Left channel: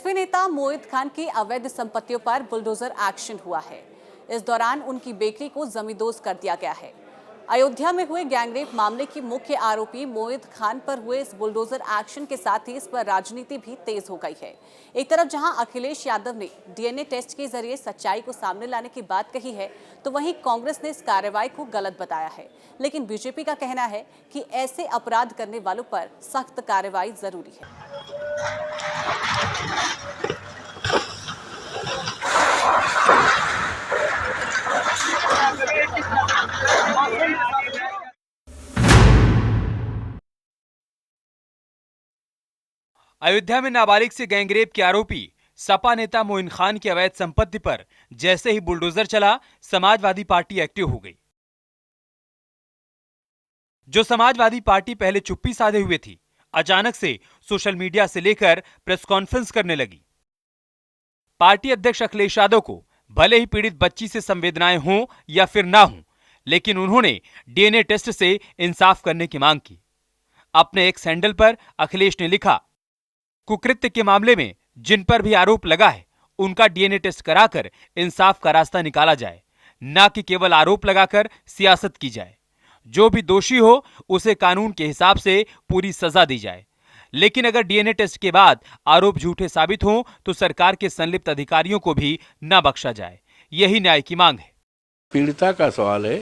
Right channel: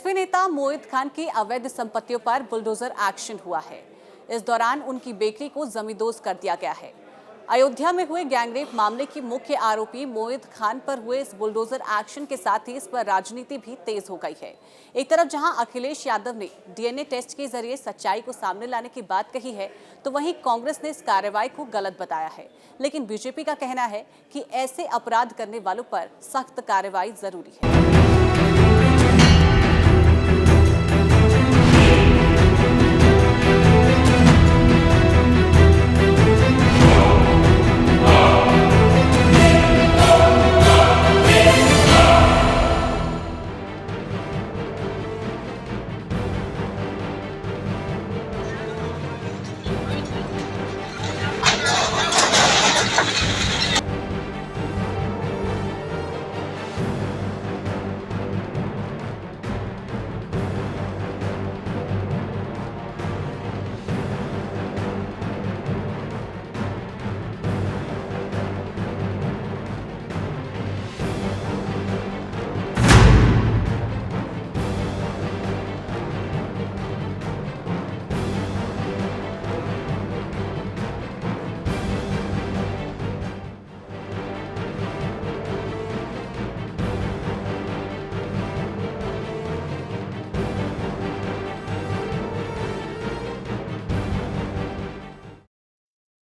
SP नेता मोहित खान की अवैध संपत्तियों पर बुलडोजर एक्शन हुआ है। इस दौरान उनकी बेकरी को जमींदोज कर दिया गया है। अयोध्या में हुए गैंगरेप मामले की मुख्य आरोपी मोहित खान पर हुए इस बुलडोजर एक्शन के साथ ही इस पर राजनीति भी तेज हो गई है। एक तरफ जहां अखिलेश यादव ने डीएनए टेस्ट के जरिए सच्चाई को सामने लाने की बात कही है, तो वहीं कांग्रेस ने इस कार्रवाई को गलत बताया है। लेकिन बीजेपी का कहना है कि ऐसे अपराध करने वालों पर सख्त कार्रवाई जरूरी है। अयोध्या में नाबालिग से गैंगरेप के आरोपी सपा नेता मोइन खान की अवैध संपत्ति पर जैसे ही बुलडोजर चला, समाजवादी पार्टी एक्टिव हो गई। जो समाजवादी पार्टी पहले चुप्पी साधे हुए थी, अचानक से सोशल मीडिया से लेकर प्रेस कॉन्फ्रेंस करने लगी। पार्टी अध्यक्ष अखिलेश यादव को भले ही पीड़ित बच्ची से संवेदनाएं हों या फिर ना हो, लेकिन उन्होंने डीएनए टेस्ट से इंसाफ करने की मांग की। अपने एक सैंडल पर अखिलेश ने लिखा, कुकृत्य के मामले में जिन पर भी आरोप लगा है, उनका डीएनए टेस्ट कराकर इंसाफ का रास्ता निकाला जाए, न कि केवल आरोप लगाकर सियासत की जाए। जो भी दोषी हो उसे कानून के हिसाब से पूरी सजा दी जाए। लेकिन अगर डीएनए टेस्ट के बाद आरोप झूठे साबित हों तो सरकार के संलिप्त अधिकारियों को भी न बख्शा जाए। यही न्याय की मांग है। पीड़िता का सवाल है।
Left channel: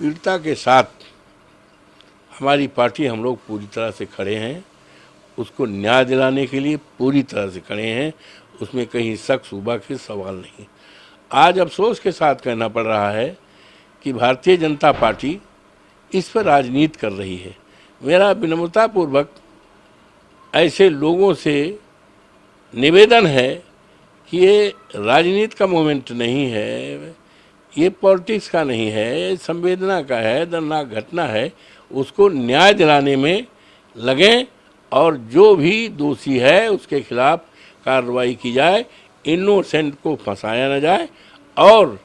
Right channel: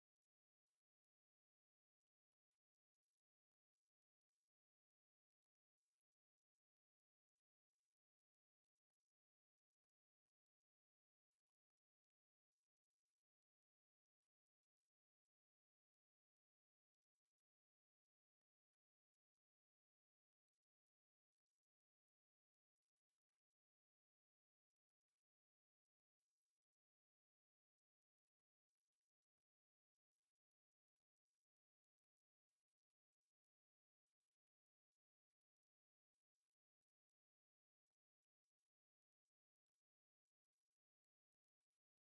पीड़िता के साथ हमारी पार्टी, हम लोग पूरी तरह से खड़े हैं। उसको न्याय दिलाने के लिए पूरी तरह से खड़े हैं। उसमें कहीं शक शुबा के सवाल नहीं। आज अफसोस के साथ कहना पड़ रहा है कि भारतीय जनता पार्टी इस पर राजनीति कर रही है। मेरा विनम्रतापूर्वक ऐसे लोगों से निवेदन है कि ये राजनीति का मोमेंट नहीं है, ये पॉलिटिक्स का नहीं है, ये संवेदना का है, दर्दनाक घटना है। उसको न्याय दिलाने में लगें और जो भी दोषी है उसके खिलाफ कार्रवाई की जाए। इनोसेंट को फंसाया न जाए और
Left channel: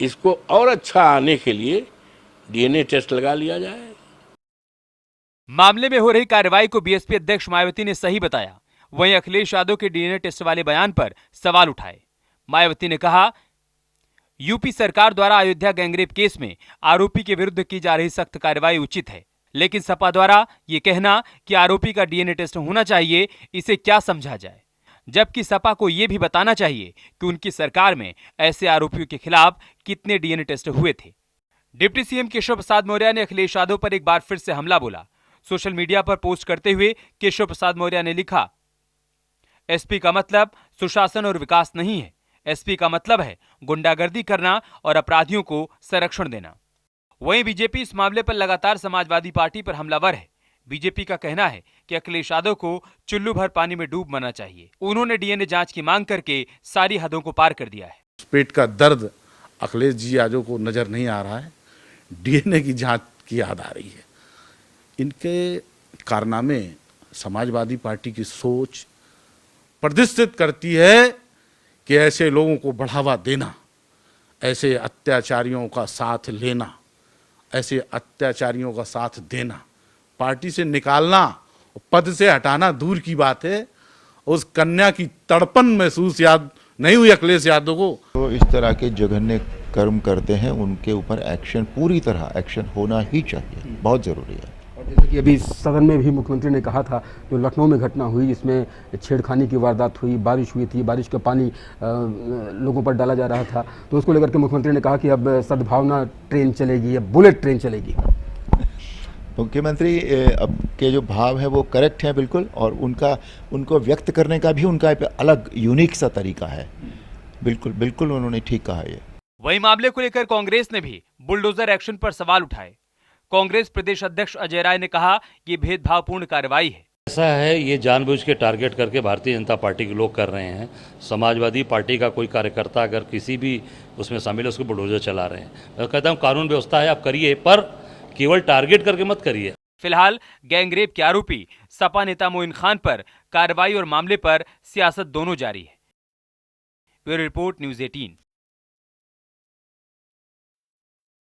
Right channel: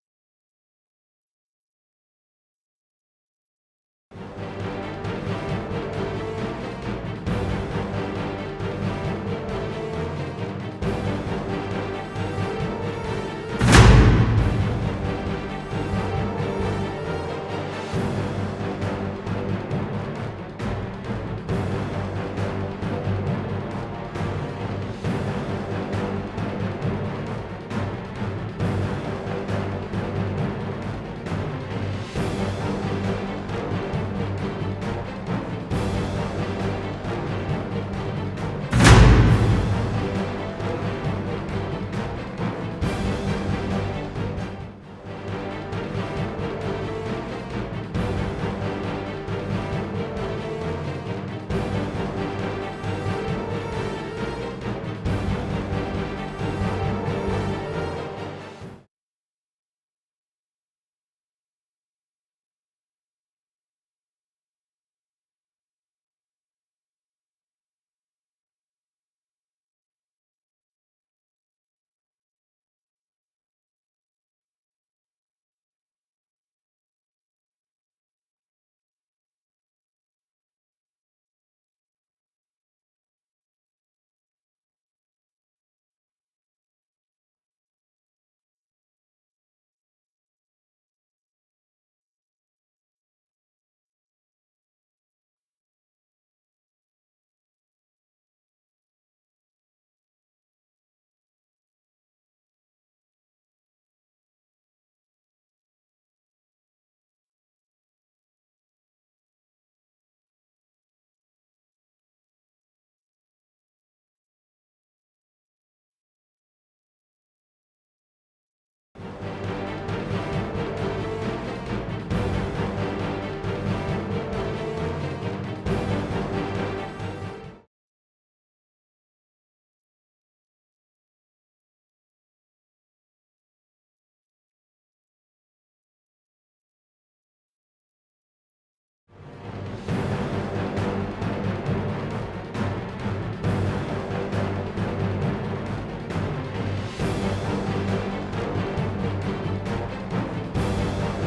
इसको और अच्छा आने के लिए डीएनए टेस्ट लगा लिया जाए। मामले में हो रही कार्रवाई को बीएसपी अध्यक्ष मायावती ने सही बताया। वहीं अखिलेश यादव के डीएनए टेस्ट वाले बयान पर सवाल उठाए। मायावती ने कहा, यूपी सरकार द्वारा अयोध्या गैंगरेप केस में आरोपी के विरुद्ध की जा रही सख्त कार्रवाई उचित है, लेकिन सपा द्वारा ये कहना कि आरोपी का डीएनए टेस्ट होना चाहिए, इसे क्या समझा जाए। जबकि सपा को ये भी बताना चाहिए कि उनकी सरकार में ऐसे आरोपियों के खिलाफ कितने डीएनए टेस्ट हुए थे। डिप्टी सीएम केशव प्रसाद मौर्य ने अखिलेश यादव पर एक बार फिर से हमला बोला। सोशल मीडिया पर पोस्ट करते हुए केशव प्रसाद मौर्य ने लिखा, एसपी का मतलब सुशासन और विकास नहीं है। एसपी का मतलब है गुंडागर्दी करना और अपराधियों को संरक्षण देना। वहीं बीजेपी इस मामले पर लगातार समाजवादी पार्टी पर हमलावर है। बीजेपी का कहना है कि अखिलेश यादव को चुल्लू भर पानी में डूब मरना चाहिए। उन्होंने डीएनए जांच की मांग करके सारी हदों को पार कर दिया। पेट का दर्द अखिलेश जी यादव को नजर नहीं आ रहा है, डीएनए की जांच की याद आ रही है। इनके कारनामे समाजवादी पार्टी की सोच प्रदर्शित करती है कि ऐसे लोगों को बढ़ावा देना, ऐसे अत्याचारियों का साथ लेना, ऐसे अत्याचारियों का साथ देना, पार्टी से निकालना, पद से हटाना दूर की बात है। उस कन्या की तड़पन महसूस याद नहीं हुई अखिलेश यादव को। तो इस तरह के जघन्य कर्म करते हैं, उनके ऊपर एक्शन, पूरी तरह एक्शन होना ही चाहिए, बहुत ज़रूरी है। और जैसे कि अभी सदन में भी मुख्यमंत्री ने कहा था, जो लखनऊ में घटना हुई जिसमें छेड़खानी की वारदात हुई, बारिश हुई थी, बारिश का पानी लोगों पर डाला जा रहा था, तो उसको लेकर के मुख्यमंत्री ने कहा कि अब सद्भावना ट्रेन चलेगी, अब बुलेट ट्रेन चलेगी। मुख्यमंत्री अब के जो भाव है वो करेक्ट है बिल्कुल, और उनको व्यक्त करने का भी उनका एक अलग यूनिक सा तरीका है। बिल्कुल बिल्कुल उन्होंने ठीक कहा है। वही मामले को लेकर कांग्रेस ने भी बुलडोजर एक्शन पर सवाल उठाए। कांग्रेस प्रदेश अध्यक्ष अजय राय ने कहा कि भेदभावपूर्ण कार्रवाई ऐसा है, ये जानबूझ के टारगेट करके भारतीय जनता पार्टी के लोग कर रहे हैं। समाजवादी पार्टी का कोई कार्यकर्ता अगर किसी भी उसमें शामिल है, उसको बुलडोजर चला रहे हैं। मैं कहता हूँ कानून व्यवस्था है, आप करिए, पर केवल टारगेट करके मत करिए। फिलहाल गैंगरेप के आरोपी सपा नेता मोइन खान पर कार्रवाई और मामले पर सियासत दोनों जारी है। Bureau report, news 18।